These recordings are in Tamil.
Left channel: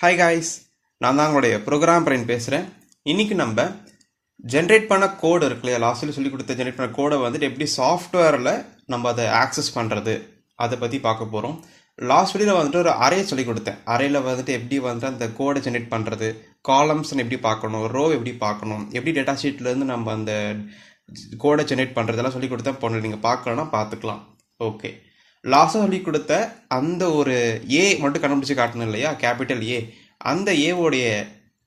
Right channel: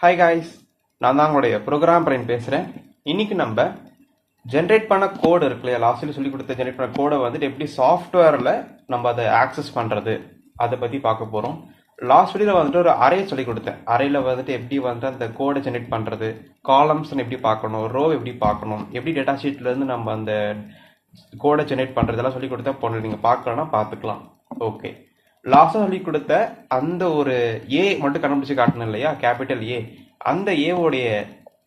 ஹாய் காய்ஸ், நான் தான் உங்களுடைய ப்ரோக்ராம் பிரைன் பேசுகிறேன். இன்றைக்கி நம்ம ஜென்ரேட் பண்ண கோடு இருக்கு இல்லையா, லாஸ்ட்டில் சொல்லி கொடுத்த ஜென்ரேட் பண்ண கோடை வந்துட்டு எப்படி சாஃப்ட்வேரில் நம்ம அதை ஆக்சஸ் பண்ணுறது அதை பற்றி பார்க்க போகிறோம். லாஸ்ட் வீடியோவில் வந்துட்டு ஒரு அரே சொல்லி கொடுத்தேன். அறையில் வந்துட்டு எப்படி வந்துட்டு அந்த கோடை ஜென்ரேட் பண்ணுறது, காலம்ஸ்ன்னு எப்படி பார்க்கணும், ரோ எப்படி பார்க்கணும், எப்படி டேட்டா ஷீட்லேருந்து நம்ம அந்த கோடை ஜென்ரேட் பண்ணுறதெல்லாம் சொல்லி கொடுத்தேன். பொண்ணு நீங்கள் பார்க்கலன்னா பார்த்துக்கலாம். ஓகே, லாஸ்ட்டாக சொல்லி கொடுத்த அந்த ஒரு ஏ மட்டும் கண்டுபிடிச்சி காட்டணும் இல்லையா, கேபிட்டல் ஏ, அந்த ஏவோடைய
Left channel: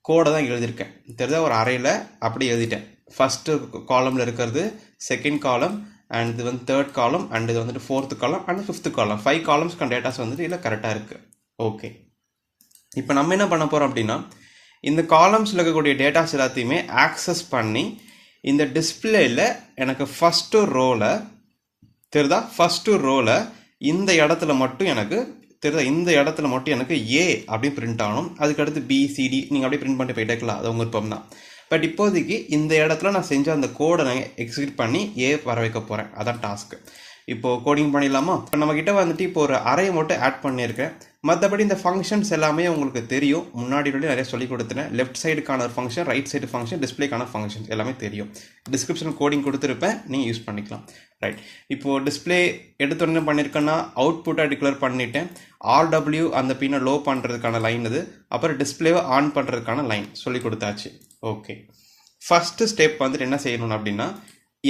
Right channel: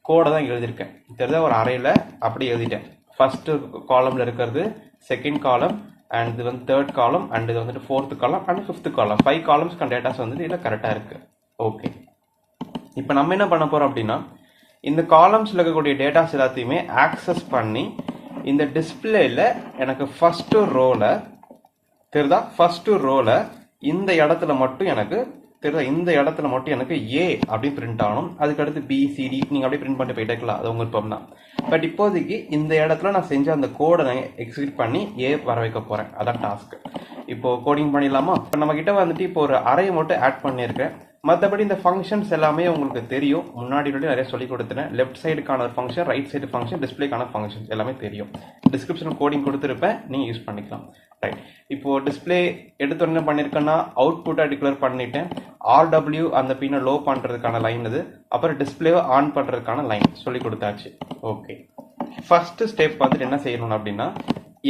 கோடை தான் எழுதியிருக்கேன். தெரிஞ்சா ஒரு அறையில் அப்படி எழுதிட்டேன். ஃபஸ்ட்டு காலமில் இருக்கிறது செகண்ட் காலம், அண்ட் இது வந்து தேர்ட் காலம், அண்ட் இது வந்துட்டு ஃபோர்த்து காலம், அண்ட் ஃபிஃப்த்து காலம். 5 காலம்ஸ்க்கான டேட்டாஸ் வந்துட்டு இதில் கரெக்டாக இருக்குது. ஓகே, இப்போ நம்ம என்ன பண்ண போகிறோம் அப்படின்னா, இந்த காலம்ஸில் இருக்கக்கூடிய டேட்டாஸ் எல்லாத்தையுமே ஆக்சஸ் பண்ணி இந்த டிஸ்பிளேயில் எனக்கு ஃபஸ்ட்டு ரோவில் தெரியுதா, ஃபஸ்ட்டு ரோவில் இந்த இடத்துல மட்டும் எனக்கு தெரியுதா, இந்த இடத்துல மட்டும் எனக்கு ஏ அப்படி பிரிண்ட் ஆகணும். அதுக்கடுத்து பிசிடி நீங்கள் அப்படியே பிரிண்ட் பண்ணிட்டு போயிட்டே இருக்கலாம், அது உங்கள் விருப்பம் தான். பட் இப்போதைக்கு இந்த இடத்துல நான் செஞ்ச அந்த கோடை நான் எக்ஸிக்யூட் பண்ணி ஏ வர வைக்க போகிறேன். அதான் டாஸ்க்கு. இப்போது கோடிங் பண்ணிடலாமா? இப்போ நம்மக்கிட்ட வந்துட்டு இப்போ ஒரு அறையை மட்டும் ஆட் பண்ணியிருக்கேன். மற்றபடி இந்த ஃபங்க்ஷன்ஸ் எல்லாமே உங்களுக்கு தெரியும், முன்னாடி நிறைய சொல்லி கொடுத்துட்டேன். லெஃப்ட் சைடுக்கான ஒரு ஃபங்க்ஷன், ரைட் சைடு ஃபங்க்ஷன், டிஸ்பிளேக்கான ஃபங்க்ஷன்ஸ் எல்லாமே தெரியும். டிஸ்கிரிப்ஷன் கோடிங் கொடுத்துருப்பேன், நீங்கள் யூஸ் பண்ணிக்கலாம். ரைட், இப்போது டிஸ்பிளே எடுத்தோடனே பண்ணியிருக்கேன்னா அவுட்புட்டாக டிக்ளேர் பண்ணிட்டேன். ஆர்டபிள்யூ அந்த பின்னை லோ பண்ணுறதுக்கான லைன் இது, அப்புறம் டிஸ்பிளேவை ஆன் பண்ணுறதுக்கான லைன் சொல்லி கொடுத்தாச்சு. ஓகே, ஃபஸ்ட்டு ஸ்டெப் வந்துட்டு என்ன செய்யணும் அப்படின்னா,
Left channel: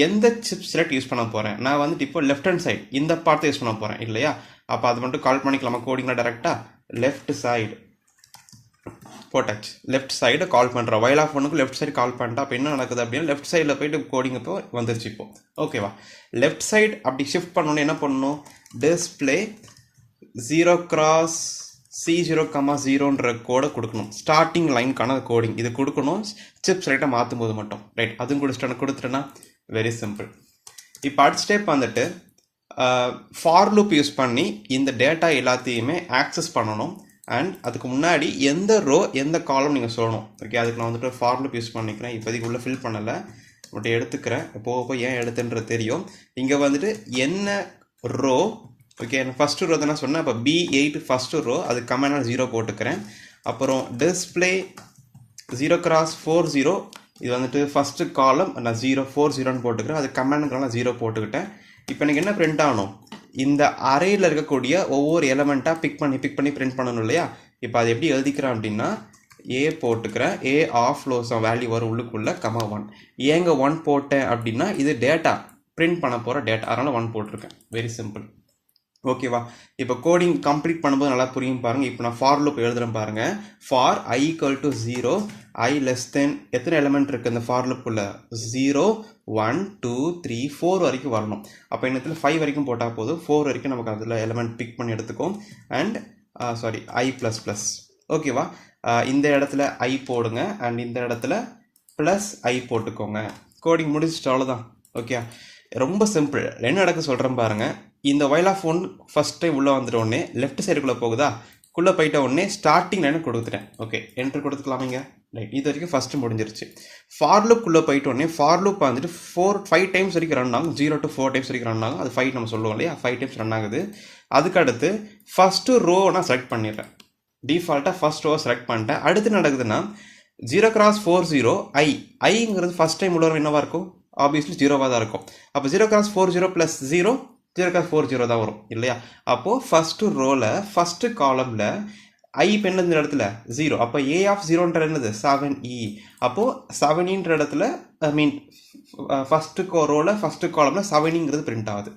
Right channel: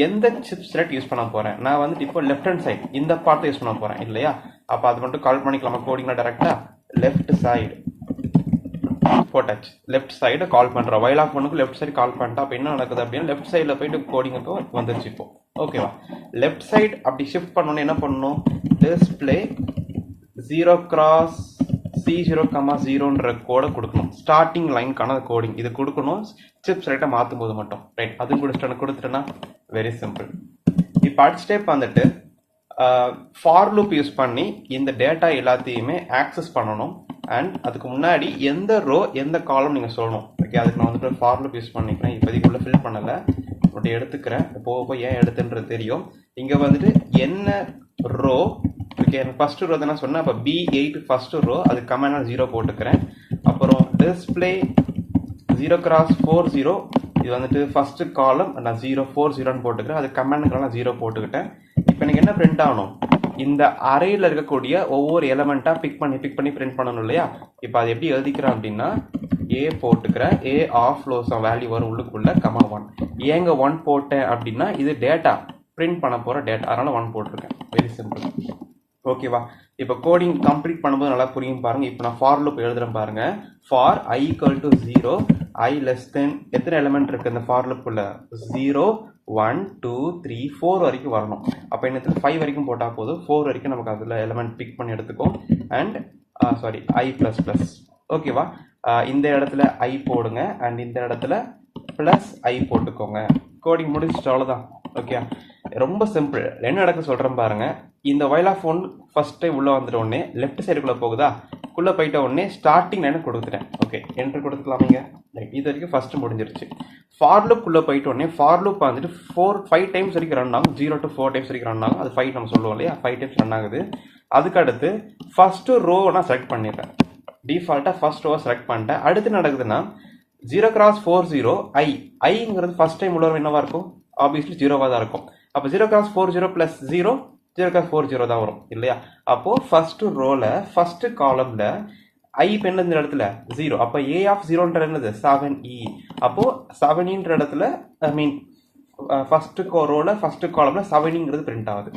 எந்த சிப் செலக்ட் யூஸ் பண்ண போகிறேன் நான் வந்துட்டு இப்போ லெஃப்ட் ஹேண்ட் சைடு இந்த பார்ட்டை யூஸ் பண்ண போகிறேன் இல்லையா. அப்போ அது மட்டும் கால் பண்ணிக்கலாமா கோடிங்கில் டேரெக்டாக? லெஃப்ட் சைடு போட்டாச்சு. லெஃப்ட் சைடு கால் பண்ணுறேன். வைல் ஆஃப் ஒன்றுக்கு லெஃப்ட் சைடு கால் பண்ணிட்டா அப்போ என்ன நடக்குது அப்படின்னா, லெஃப்ட் சைடில் போயிட்டு கோடிங் இப்போ வந்துருச்சு. இப்போ ஓகேவா, லெஃப்ட் சைடு அப்படி ஷிஃப்ட் பண்ணணுன்னு என்ன பண்ணணும், டிஸ்பிளே 0x C0,0ன்ற கோடை கொடுக்கணும். ஸ்டார்டிங் லைனுக்கான கோடிங் இது கொடுக்கணும், சிப் செலக்டாக மாற்றும் போது மட்டும். ரைட், அதுவும் கொடுத்துட்டேன்னா வெரி சிம்பிள். இப்போ அடுத்த ஸ்டெப் வந்துட்டு ஃபார் லூப் யூஸ் பண்ணி இந்த டேட்டா எல்லாத்தையுமே ஆக்சஸ் பண்ணணும். அண்ட் அதுக்கு முன்னாடி எந்த ரோ எந்த காலம் நீங்கள் சொல்லணும். ஓகே, அதுக்கு நான் வந்துட்டு ஃபார் லூப் யூஸ் பண்ணிக்கிறேன். இப்போதைக்கு உள்ள ஃபில் பண்ணலை, மட்டும் எடுத்துக்கிறேன். போக ஏன் எடுத்துன்றது தெரியும். இங்கே வந்துட்டு என்ன ரோ, ஓகே, ஃபஸ்ட்டு ரோ தான் சொன்னேன். இப்போ B8 ஃபஸ்ட்டு ரோ, அது கமெண்ட் நான் 0 போட்டுக்கிறேன். அப்புறம் டிஸ்பிளே 0x40, இது வந்துட்டு ஃபஸ்ட்டு காலம் நான் 040ன்னு போட்டுக்கிறேன். அது கமெண்ட்க்கு நான் 0 போட்டுக்கிட்டேன். இப்போ எனக்கு என்ன பிரிண்ட் ஆகணும், இந்த அறையில் இருக்கக்கூடிய ஒவ்வொரு எலமெண்ட்டாக பிக் பண்ணி பிரிண்ட் பண்ணணும் இல்லையா. இப்போ அது எப்படி எழுதிக்கிறேன் அப்படின்னா, ஏ போட்டுக்கிறேன். ஏ ஆஃப் லோஸ் வேல்யூ வரும் உள்ளுக்குள்ள, (1). ஏங்க 1 போட்டேன் அப்படின்னா இது டேட்டா பிரிண்ட் பண்ண போகிற டேட்டா, அதனால் 1 போட்டிருக்கேன். Very simple. ஓகேவா, இப்போ கோடிங் கம்ப்ளீட் பண்ணும்போது நல்லா புரியும் பாருங்கள். இப்போ நான் ஃபார் லூப் எழுதுறேன் பாருங்கள். For i = 0, i less than எத்தனை எலிமெண்ட் இருக்குது இந்த ஃபார் லூப்புக்குள்ள, 0 1 2 3 4 வரைக்கும் வரணும். அப்போ என்னத்துல 5 வரைக்கும் போட்டால் போதும். 4 வரைக்கும் நமக்கு அதில் எலிமெண்ட் பிக் பண்ணி எடுத்துக்கும். And i++. ஓகேவா, இந்த இடத்துல i போடுங்க, அண்ட் இந்த இடத்துல +i போட்டுக்கோங்க. கோடிங் முடிச்சுட்டு அவ்வளோதான். ஓகே, ரொம்ப சிம்பிள். என்ன நடக்க சொல்கிறேன் பாருங்கள். இந்த வைல் ஆஃப் ஒன் ஃபஸ்ட் டைம் உள்ளே வந்துட்ட உடனே லெஃப்ட் சைடுக்குள்ளே போகுதா, குள்ளே போயிட்ட உடனே ஸ்டார்டிங் லைனை கொடுத்துட்டேன். Okay, enter கொடுத்துக்கலாமீங்க. ரைட், இது வரைக்கும் ஃபஸ்ட்டு முடிஞ்சிருச்சு. ஃபார் லூப்புக்குள்ளே போயிட்ட உடனே ஃபார் லூப் வந்துட்டு 5 டைம்ஸ் வரைக்கும் ரன் ஆகும். 0 to 4 டைம்ஸ் வரைக்கும் ரன் ஆகும். அது 5 நம்ம சொல்லுவோம் இல்லையா, 5 டைம்ஸ் ரன் ஆகுது. அதுக்கடுத்து ஃபஸ்ட்டு ரோ நான் செலக்ட் பண்ணிடுறேன். டிஃபால்ட்டாக ஃபஸ்ட் ரோவை செலக்ட் பண்ணிட்டேன். அடுத்து நடக்குதுன்னா 0x40 ஐங்கிறது ஃபஸ்ட் டைம் உள்ளவர் என்னவாக இருக்கும், ஆப்வியஸ்லி 0வாக தான் இருக்கும். அப்போ 0x40 + 0 0x40 தான் வரும் இல்லையா. அப்போது ஃபஸ்ட்டு ரோவில் ஃபஸ்ட்டு காலமில் ஐ பெண்ணு இந்த இடத்துல 0. அப்போ ஏ ஆஃப் 0ன்ற என்னது 7e. அப்போது 7ன்ற இடத்துல ஃபஸ்ட்டு ரோவில் ஃபஸ்ட்டு காலமில் 7ங்கிறது பிரிண்ட் ஆகுது.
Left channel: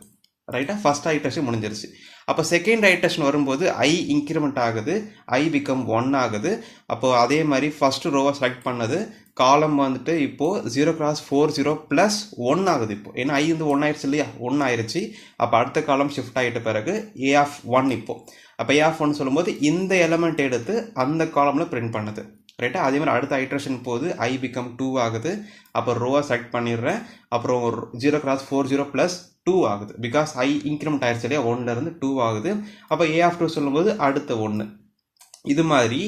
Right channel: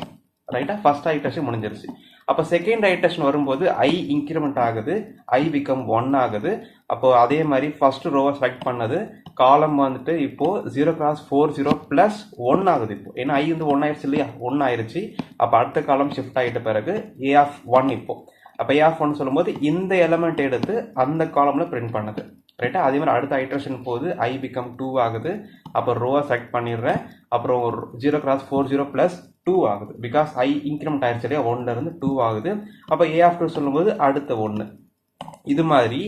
ரைட்டாக, ஃபஸ்ட் ஐட்ரேஷன் முடிஞ்சிருச்சு. அப்போ செகண்ட் ஐட்ரேஷன் வரும்போது ஐ இன்க்ரிமெண்ட் ஆகுது, ஐ பிகம் 1 ஆகுது. அப்போது அதே மாதிரி ஃபஸ்ட்டு ரோவை செலக்ட் பண்ணது காலம் வந்துட்டு இப்போது 0x40 + 1 ஆகுது. இப்போ ஏன்னா ஐ வந்து 1 ஆயிடுச்சு இல்லையா, 1 ஆயிடுச்சு. அப்போ அடுத்த காலம் ஷிஃப்ட் ஆகிட்ட பிறகு ஏ ஆஃப் 1 இப்போது. அப்போ ஏ ஆஃப் 1 சொல்லும்போது இந்த எலமெண்ட் எடுத்து அந்த காலமில் பிரிண்ட் பண்ணுது. ரைட்டா, அதே மாதிரி அடுத்த ஐட்ரேஷன் போகுது, ஐ பிகம் 2 ஆகுது. அப்போ ரோவை செலக்ட் பண்ணிடுறேன். அப்புறம் 0x40 + 2 ஆகுது. பிகாஸ் ஐ இன்க்ரிமெண்ட் ஆயிடுச்சு இல்லையா, 1லேருந்து 2 ஆகுது. அப்போ ஏ ஆஃப் 2 சொல்லும்போது அடுத்த 1. இது மாதிரி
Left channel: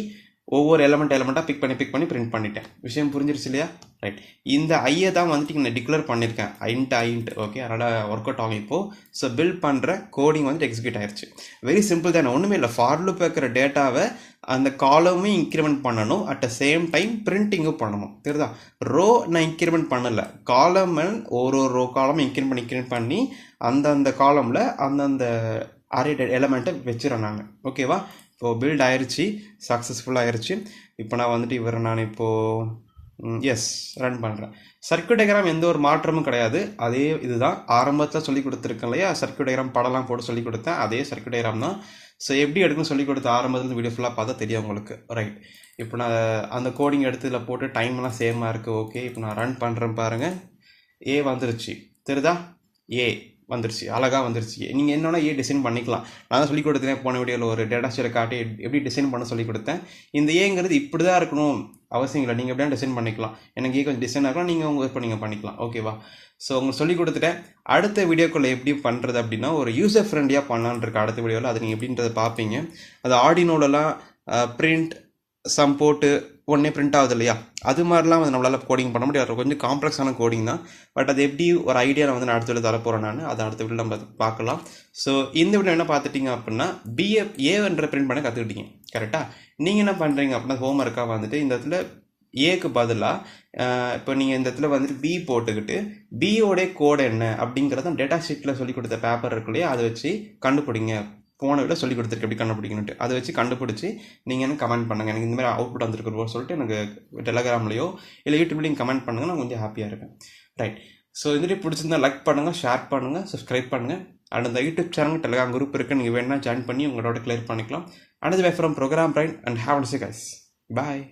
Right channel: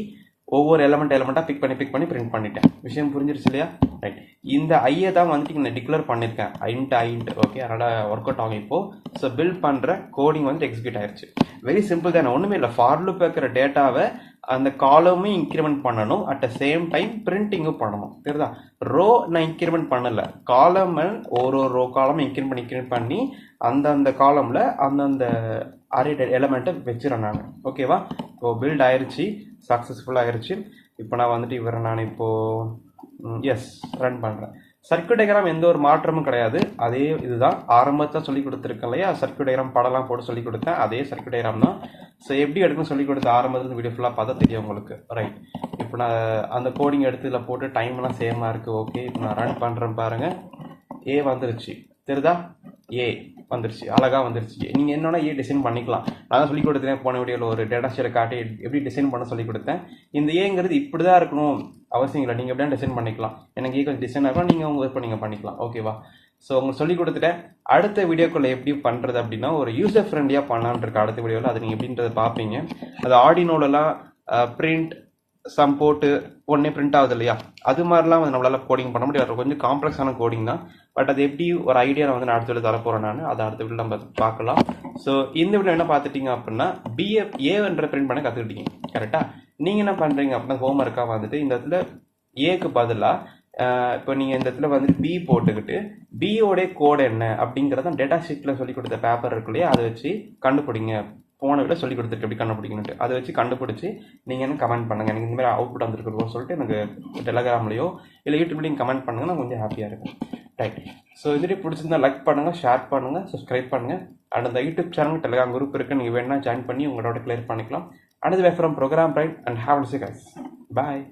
ஒவ்வொரு எலமெண்ட்டாக பிக் பண்ணி பிரிண்ட் பண்ணிட்டேன். விஷயம் புரிஞ்சிருச்சு இல்லையா. ரைட். இந்த ஐயை தான் வந்துட்டு நான் டிக்ளேர் பண்ணியிருக்கேன் ஐண்ட் ஓகே, அதனால் ஒர்க் அவுட் ஆகும் இப்போது. ஸோ பில்ட் பண்ணுற கோடிங் வந்துட்டு எக்ஸிக்யூட் ஆயிடுச்சு. வெரி சிம்பிள் தானே, ஒன்றுமே இல்லை. ஃபார் லூப் வைக்கிற டேட்டாவை அந்த காலமே இன்க்ரிமெண்ட் பண்ணணும், அட் த சேம் டைம் பிரிண்டிங்கும் பண்ணணும். தெரியுதா? ரோ நான் இன்க்ரிமெண்ட் பண்ணலை, காலம் ஒரு ரோ காலமும் இன்க்ரிமெண்ட் பண்ணி அந்தந்த காலமில் அந்தந்த அரே எலமெண்ட்டை வச்சுறேன் நான். ஓகேவா? இப்போது பில்ட் ஆயிடுச்சு, சக்ஸஸ்ஃபுல்லாக ஆயிடுச்சு. இப்போ நான் வந்துட்டு நான் இப்போது எஸ் ரன் பண்ணுறேன். சர்க்யூட் டயக்ராம் எந்த ஒரு மாற்றமும் கிடையாது, அதே இதுதான். ஆரம்பத்தில் சொல்லி கொடுத்துருக்கேன் இல்லையா, சர்க்யூட் டயக்ராம் படம்லாம் போட்டு சொல்லி கொடுத்தேன், அதே சர்க்யூட் டயக்ராம் தான். ஸோ எப்படி எடுக்கணும்னு சொல்லி கொடுத்த ஆரம்பத்தில் வீடியோ ஃபுல்லாக பார்த்தா தெரியும் உங்களுக்கு. ரைட். இப்போ நான் அந்த கோடிங் எடுத்து இதில் போட்டு டைம்லாம் சேமாக இருக்குது. ஓகே, இப்போ நான் ரன் பண்ணுறேன் பாருங்கள். ஏ வந்துருச்சு, தெரியுதா? ஏ வந்துருச்சு, அழகாக வந்துருச்சு. நீங்கள் என்னன்னா ஏ டிசைன் பண்ணிக்கலாம். நான் தான் சொல்லி கொடுத்தேன் போன வீடியோவில் ஒரு டேட்டா ஷீட்டை காட்டி எப்படி டிசைன் பண்ண சொல்லி கொடுத்தேன். இந்த ஏங்கிறது இப்படி தான் இருக்கணும் அவசியம் இல்லை, நீங்கள் எப்படியா டிசைன் பண்ணிக்கலாம். எனக்கு ஏ கொஞ்சம் டிசைன் ஆகலாம், நீங்கள் உங்கள் இப்போ நீங்கள் பண்ணிக்கலாம். ஓகேவா? ஸோ உங்களுக்கு சொல்லி கொடுத்துட்டேன். அடுத்த வீடியோக்குள்ளே எப்படி பண்ணுறது அப்படின்னா ஒரு யூசர் ஃப்ரெண்ட்லியாக பண்ணலான்னு இருக்கு அடுத்த வீடியோவில். அது நீங்கள் எப்படின்றத பார்ப்பீங்க. அது ஆர்டினோலலாம் பிரிண்ட் சம் போட்டு உடனே பிரிண்ட் ஆகுது இல்லையா, அது மாதிரிலாம் வந்து நம்மளால் கோடிங் பண்ண முடியாது. கொஞ்சம் காம்ப்ளெக்ஸான கோடிங் தான். பட் அது எப்படி ஒரு ஐடியா நான் அடுத்த வீடியோ தரப்போகிறேன் நான், அதை அடுத்த வீடியோ நம்ம பார்க்கலாம். ஸோ இந்த வீடியோ என்ன பார்த்துட்டிங்க அப்படின்னா ஏன்ற பிரிண்ட் பண்ண கற்றுக்கிட்டீங்க. கரெக்டாக? நீங்கள் என்ன பண்ணுறீங்க அப்படின்னா ஹோம்ஒர்க்காக வந்துட்டு இந்த இடத்துல ஏக்கு பதிலாக இப்போ நீங்கள் இந்த இடத்துல வந்துட்டு பி போட்டுக்கிட்டு பியோடைய கோடு என்ன அப்படிங்கிறத டேட்டா ஷீட்டில் சொல்லி கொடுத்த பேப்பர் இருக்கு இல்லையா, அதை வச்சு கண்டுபிடிங்க. போன விட சொல்லி கொடுத்துருக்கு எப்படி கண்டுபிடிக்கணுன்ட்டு, அதை வச்சு கண்டுபிடிச்சி நீங்கள் என்ன கமெண்ட் பண்ணுங்கள். எனக்கு இந்த மாதிரி அவுட்புட் வந்துருக்குறோம் சொல்லிட்டு எனக்கு டெலகிராம்லையோ இல்லை யூடியூப்லையும் கமெண்ட் பண்ணுங்கள், நான் கொஞ்சம் ஹாப்பியாக இருப்பேன். ரைட். ஸோ இதுலேயே பிடிச்சிருந்தா லைக் பண்ணுங்கள், ஷேர் பண்ணுங்கள், சப்ஸ்கிரைப் பண்ணுங்கள். அண்ட் அந்த யூடியூப் சேனல் டெலகிராம் குரூப் இருக்குது, நீங்கள் வேணால் ஜாயின் பண்ணி உங்களோட கிளியர் பண்ணிக்கலாம். And way from program brain and have a nice day guys. Bye.